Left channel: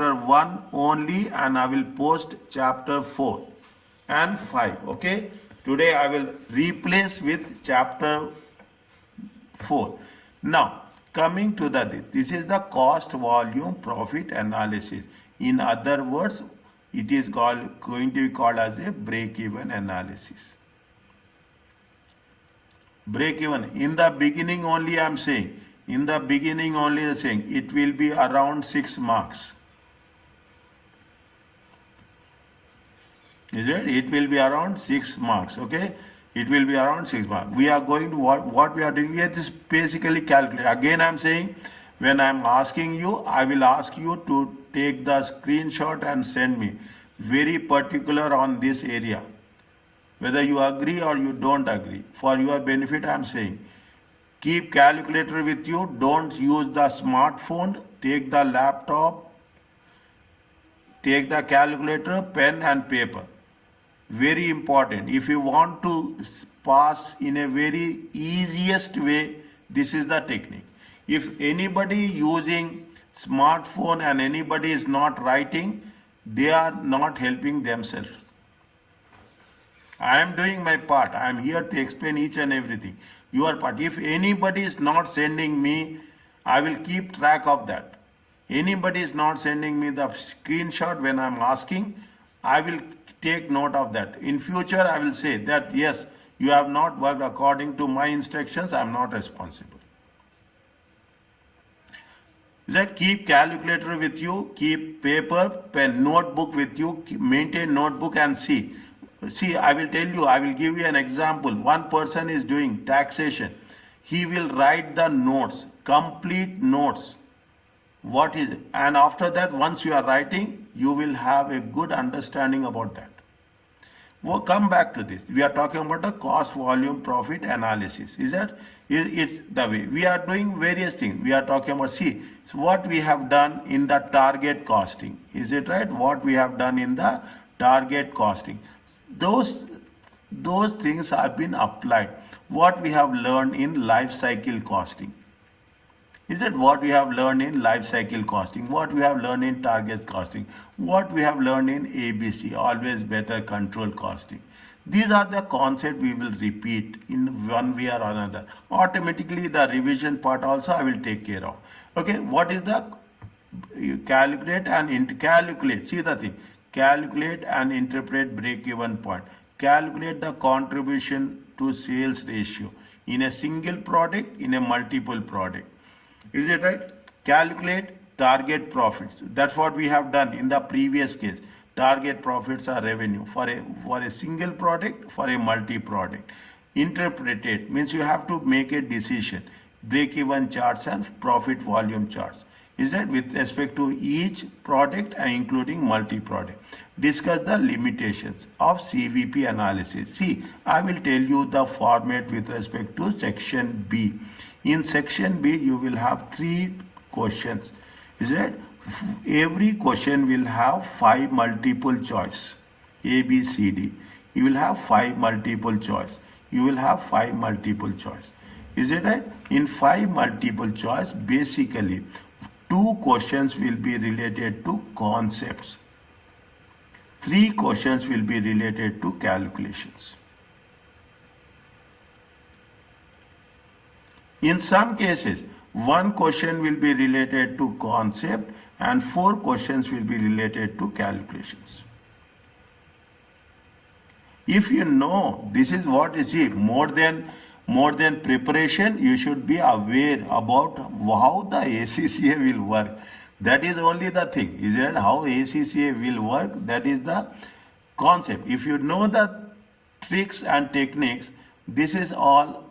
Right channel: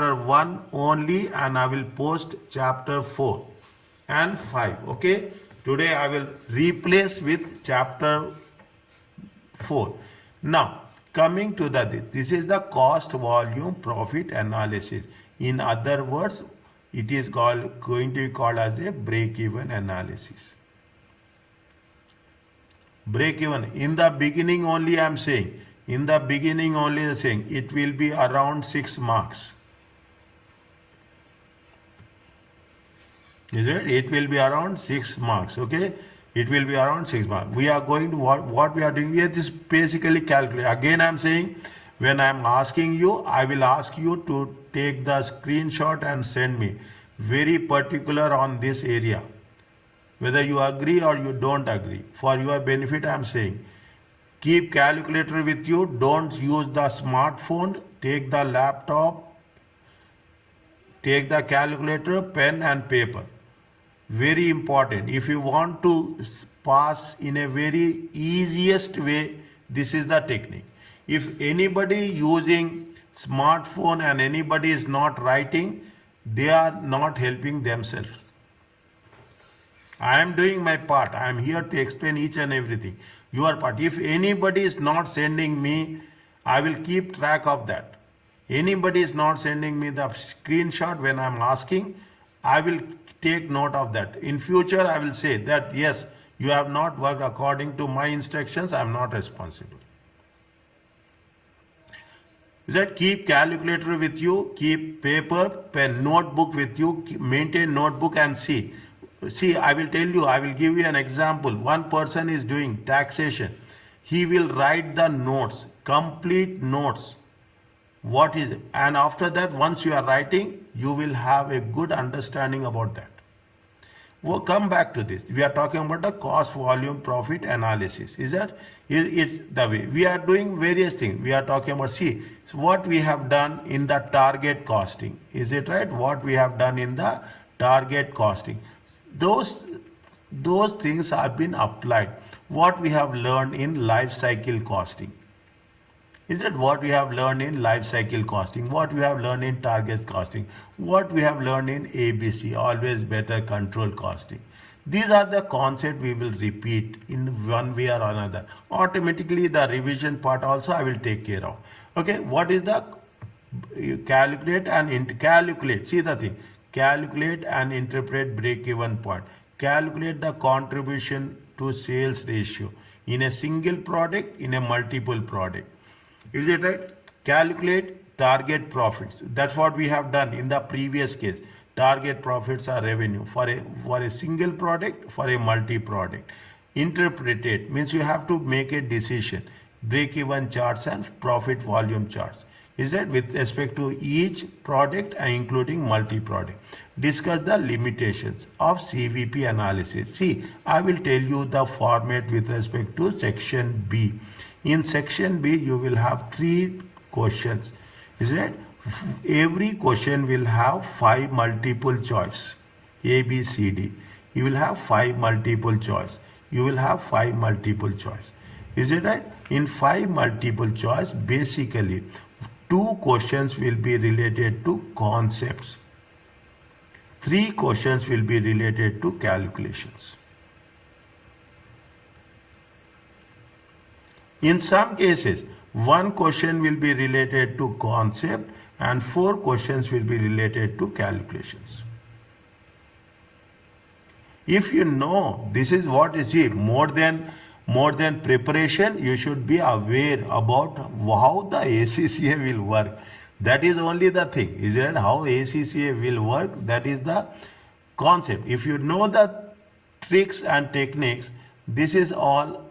chapter 1 only, and I will post chapter 4 and 5. Okay, today I will replace with chapter 4. Now coming to this is the cost volume profit analysis. In other words, it is going to be called as a break-even analysis. Break-even. In the beginning only I am saying. In the beginning only I am saying it will be around 6 marks. Is it? It will be around 6 marks. Okay. It will be around 6 marks. We are going to what we are doing here is basically calculate. Again I am saying, when I am asking you, I will ask you to take the screenshot and send me. Very particular on this area. Whether you agree or you don't agree. For your benefit I am saying. Keep calculator with you. Don't use the smartphone. Take the laptop. Take the calculator, pen and paper. Very important. If you want to pass in a very easiest way, this is the technique. If anybody using smartphone and anybody is not writing, they are not helping themselves. I am doing my part. I am here to explain each and everything. Your part. If anybody is not sending me, I will keep track of that. Anybody is not sending me the screenshot when I am asking, I will take note of that. In future, I will say that yes, you have not worked according to my instructions. I am not responsible. That keep calculator with you, keep paper, pen, notebook with you, maintain notebook and see. See, I will tell you, I will give you an example. One person is doing taxation. He will write the notes, complete notes. What is it? And after that, once you are writing, you will have a good understanding about that. We'll come back to this. We are talking about the cost volume profit analysis. Is that? It's the way. We are doing various things. We are talking about, see, so what we have done in the target costing. Is it right? What we have done in the target costing. Those things have been applied. What we have learned in life cycle costing. Is it what we have learned in life cycle costing? What we have learned in target costing? What we have learned in ABC, always better control costing? These are the concepts we will repeat in one way or another. Automatically the revision part also I will take care of. Okay, what is the calculate and calculate? See the thing. Calculate and interpret break-even point. Calculate the contribution to sales ratio in a single product, in a multiple product. Is it right? Calculate target profits. That's what we have done in the previous case. Target profits are revenue for a single product, for a multi-product. Interpret it means you have to make a decision. Break-even charts and profit volume charts. Is that with respect to each product and including multi-product. Discuss the limitations of CVP analysis. See, I will tell you the format with respect to section B. In section B, you will have 3 questions. Is it? Every question will have 5 multiple choice. A, B, C, D. You will have 5 multiple choice. You will have 5 multiple choice. Is it right? In 5 multiple choice, basically, 2 questions will be related to concepts. 3 questions will be related to calculations. In some cases, 1 question will be related to concept and 4 questions will be related to calculations. If you know this is what is it, more than preparation, you should be aware about how the ACCA will work. That is only the thing. Is it how ACCA will work? That is the concept. If you know the tricks and techniques, this is all,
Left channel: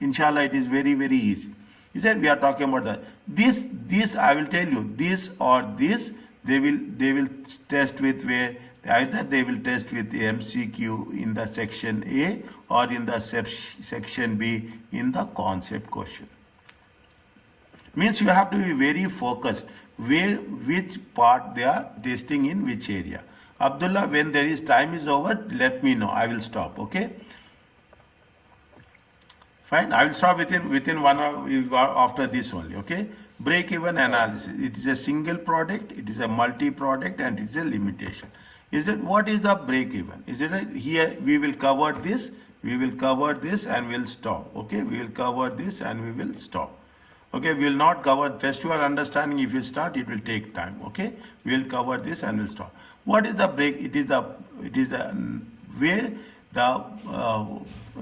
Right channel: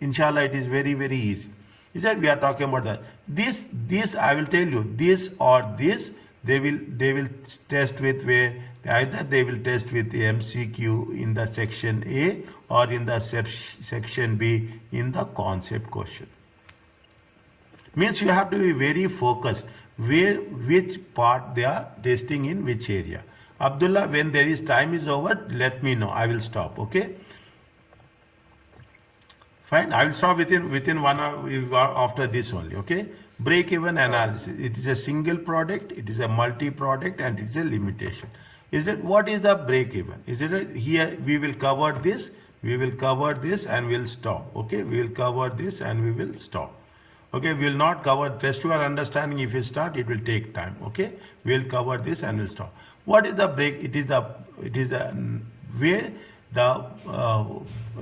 inshallah, it is very, very easy. Is that we are talking about that. This I will tell you, this or this, they will test with where either they will test with the MCQ in the section A or in the section B in the concept question. Means you have to be very focused which part they are testing in which area. Abdullah, when there is time is over, let me know. I will stop. Okay. Fine. I will stop within 1 hour after this only. Okay. Break-even analysis. It is a single product, it is a multi-product, and it is a limitation. Is it what is the break-even? Is it here we will cover this, and we'll stop. Okay, we will cover this and we will stop. Okay, we will not cover, just your understanding, if you start it will take time. Okay, we will cover this and we'll stop. What is the break? It is the where the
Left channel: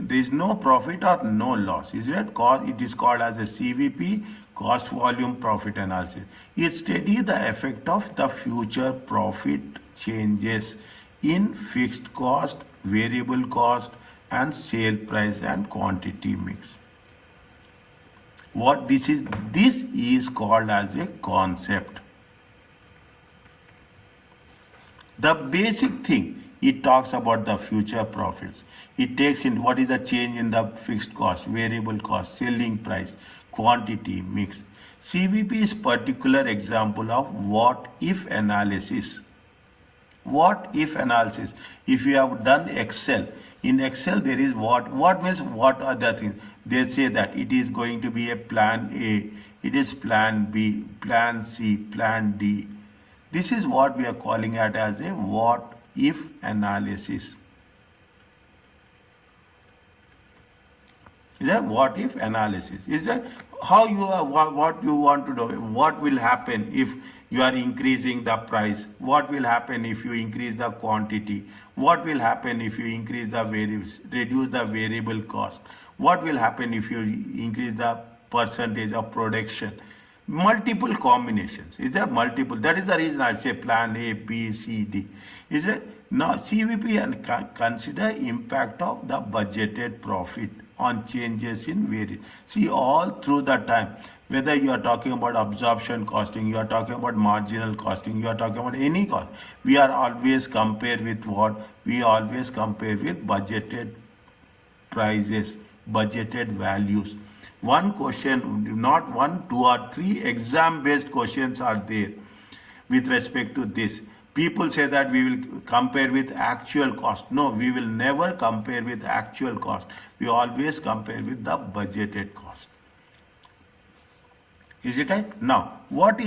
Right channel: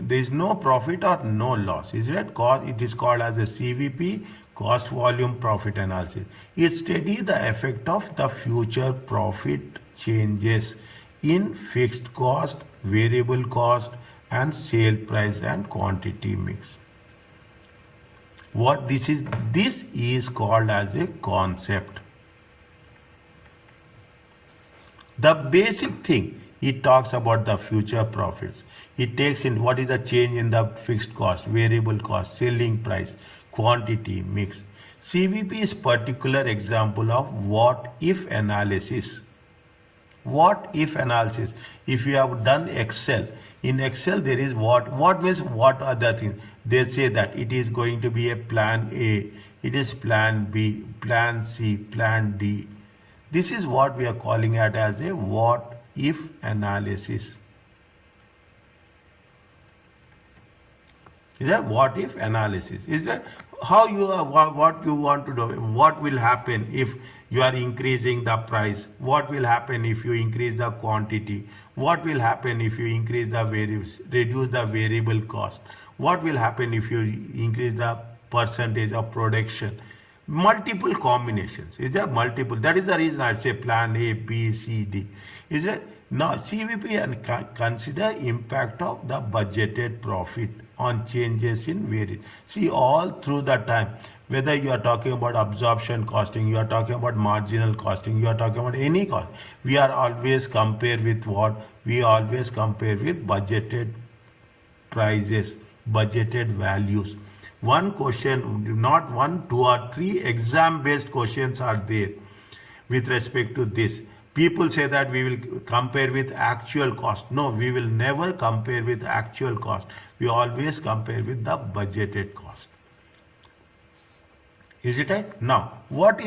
there is no profit or no loss. Is it cost? It is called as a CVP, cost volume profit analysis. It studies the effect of the future profit changes in fixed cost, variable cost, and sale price and quantity mix. What this is called as a concept. The basic thing, it talks about the future profits. It takes in what is the change in the fixed cost, variable cost, selling price, quantity, mix. CVP is particular example of what if analysis. What if analysis. If you have done Excel, in Excel there is what means what are the things. They say that it is going to be a plan A, it is plan B, plan C, plan D. This is what we are calling it as a what if analysis. Is that what if analysis? Is that how you are, what you want to do? What will happen if you are increasing the price? What will happen if you increase the quantity? What will happen if you increase the reduce the variable cost? What will happen if you increase the percentage of production? Multiple combinations. Is there multiple? That is the reason I say plan A, B, C, D. Is it? Now CVP and consider impact of the budgeted profit on changes in variance. See, all through the time, whether you are talking about absorption costing, you are talking about marginal costing, you are talking about any cost, we are always compare with what? We always compare with budgeted prices, budgeted values. One question, not one, two or three exam based questions are there with respect to this. People say that we will compare with actual cost. No, we will never compare with actual cost. We always compare with the budgeted cost. Is it right? Now, what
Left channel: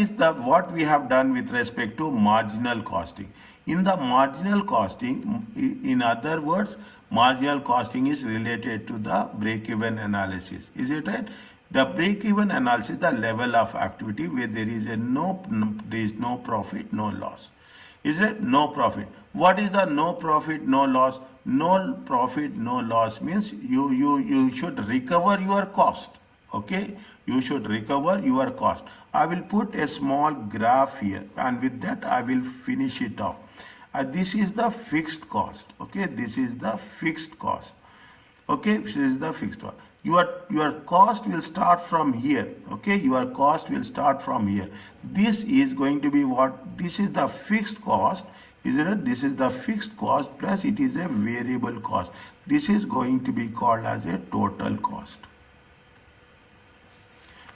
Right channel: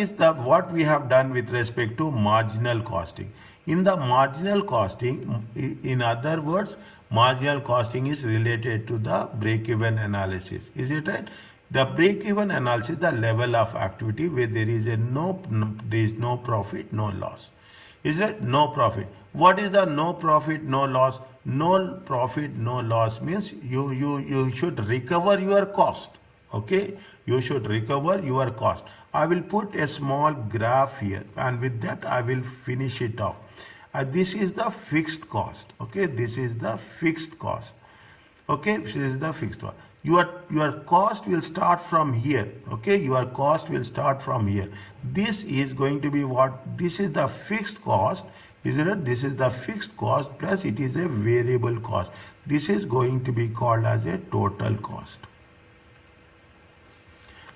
we have done with respect to marginal costing? In the marginal costing, in other words, marginal costing is related to the break-even analysis. Is it right? The break-even analysis, the level of activity where there is no profit, no loss. Is it no profit? What is the no profit, no loss? No profit, no loss means you should recover your cost. Okay, you should recover your cost. I will put a small graph here, and with that I will finish it off. This is the fixed cost. Okay, this is the fixed cost. Okay, this is the fixed cost. Your cost will start from here. Okay, your cost will start from here. This is going to be what? This is the fixed cost. Isn't it? This is the fixed cost plus it is a variable cost. This is going to be called as a total cost.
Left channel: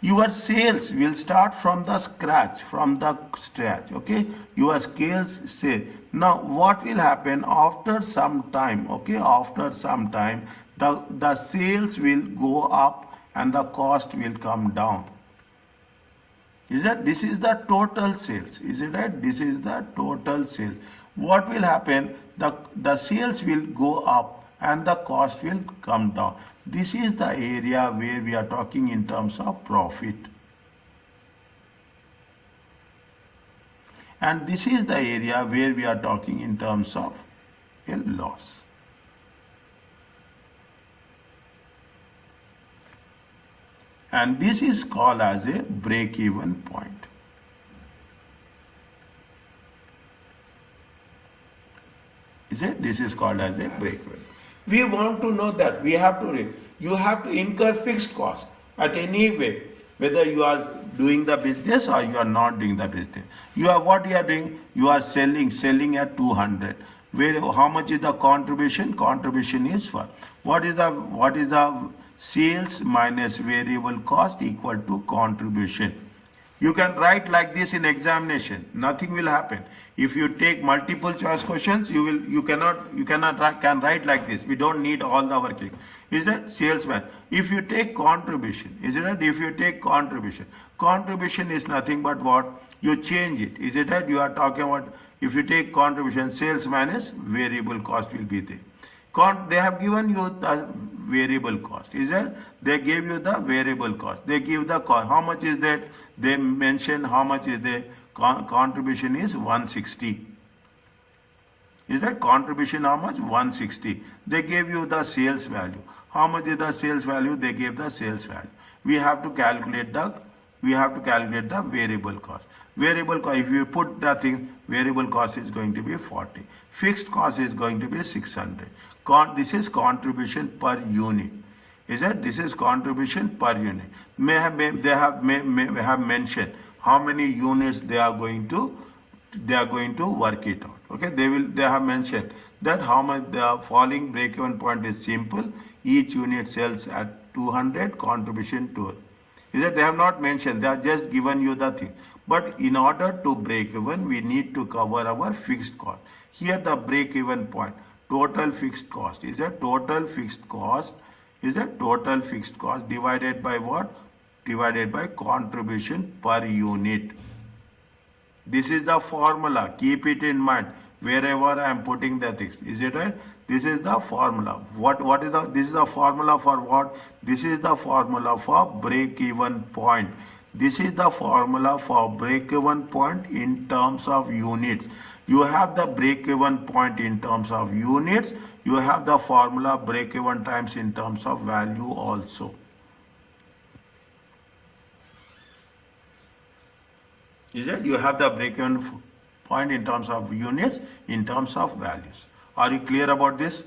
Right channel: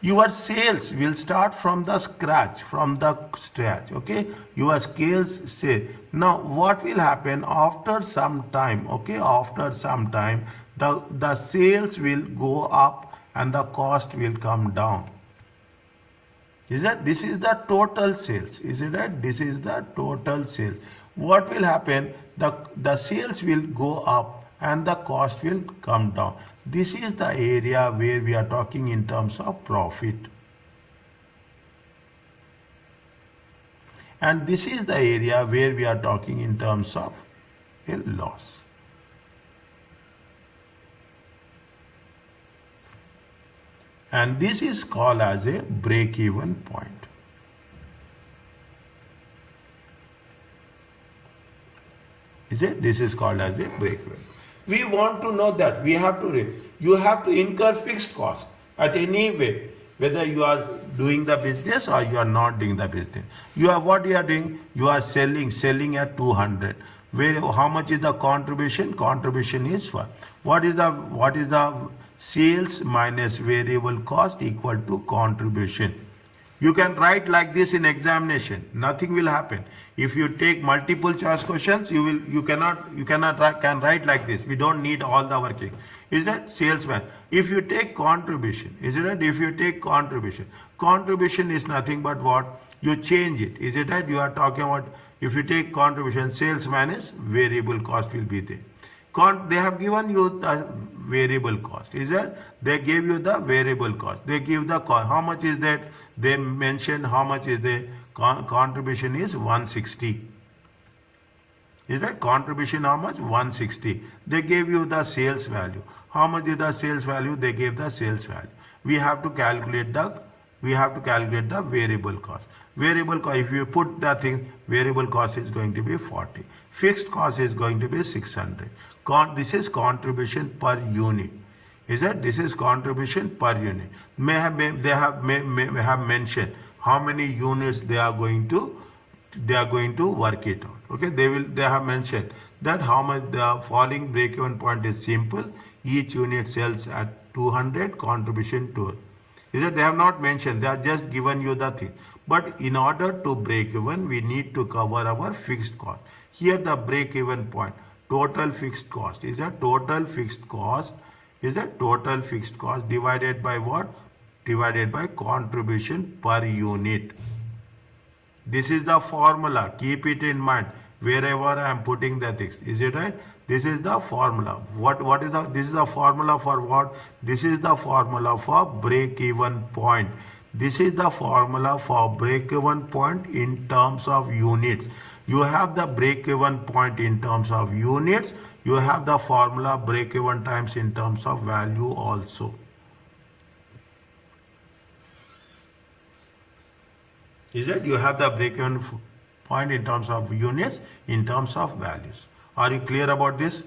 Your sales will start from the scratch, okay? Your sales sale. Now, what will happen after some time, okay? After some time, the sales will go up and the cost will come down. Is that? This is the total sales. Is it right? This is the total sales. What will happen? The sales will go up and the cost will come down. This is the area where we are talking in terms of profit. And this is the area where we are talking in terms of a loss. And this is called as a break-even point. Is it? This is called as a break-even. We want to know that you have to incur fixed cost at any way, whether you are doing the business or you are not doing the business. What you are doing? You are selling at 200. How much is the contribution? Contribution is what is the sales minus variable cost equal to contribution. You can write like this in examination. Nothing will happen. If you take multiple choice questions, you can write like this. We don't need all the working. Is that salesman? If you take contribution, is it right? If you take contribution is nothing but what? You change it. Is it right? You are talking about, if you take contribution, salesman is variable cost will be there. They have given you the variable cost. Is that? They gave you the variable cost. They give the cost. How much is that? They mention how much is the contribution is 160. Is that contribution how much? 160. They gave you the sales value. How much is the sales value? They gave the sales value. We have to calculate the variable cost. Variable cost, if you put the thing, variable cost is going to be 40. Fixed cost is going to be 600. This is contribution per unit. Is that? This is contribution per unit. They have mentioned how many units they are going to work it out. Okay, they have mentioned that how much the falling break-even point is simple. Each unit sells at 200, contribution to it. Is that? They have not mentioned. They have just given you the thing. But in order to break even, we need to cover our fixed cost. Here the break-even point, total fixed cost is a total fixed cost divided by what? Divided by contribution per unit. This is the formula. Keep it in mind wherever I am putting the things. Is it right? This is the formula. This is the formula for what? This is the formula for break-even point. This is the formula for break-even point in terms of units. You have the break-even point in terms of units. You have the formula break-even times in terms of value also. Is it? You have the break-even point in terms of units, in terms of values. Are you clear about this?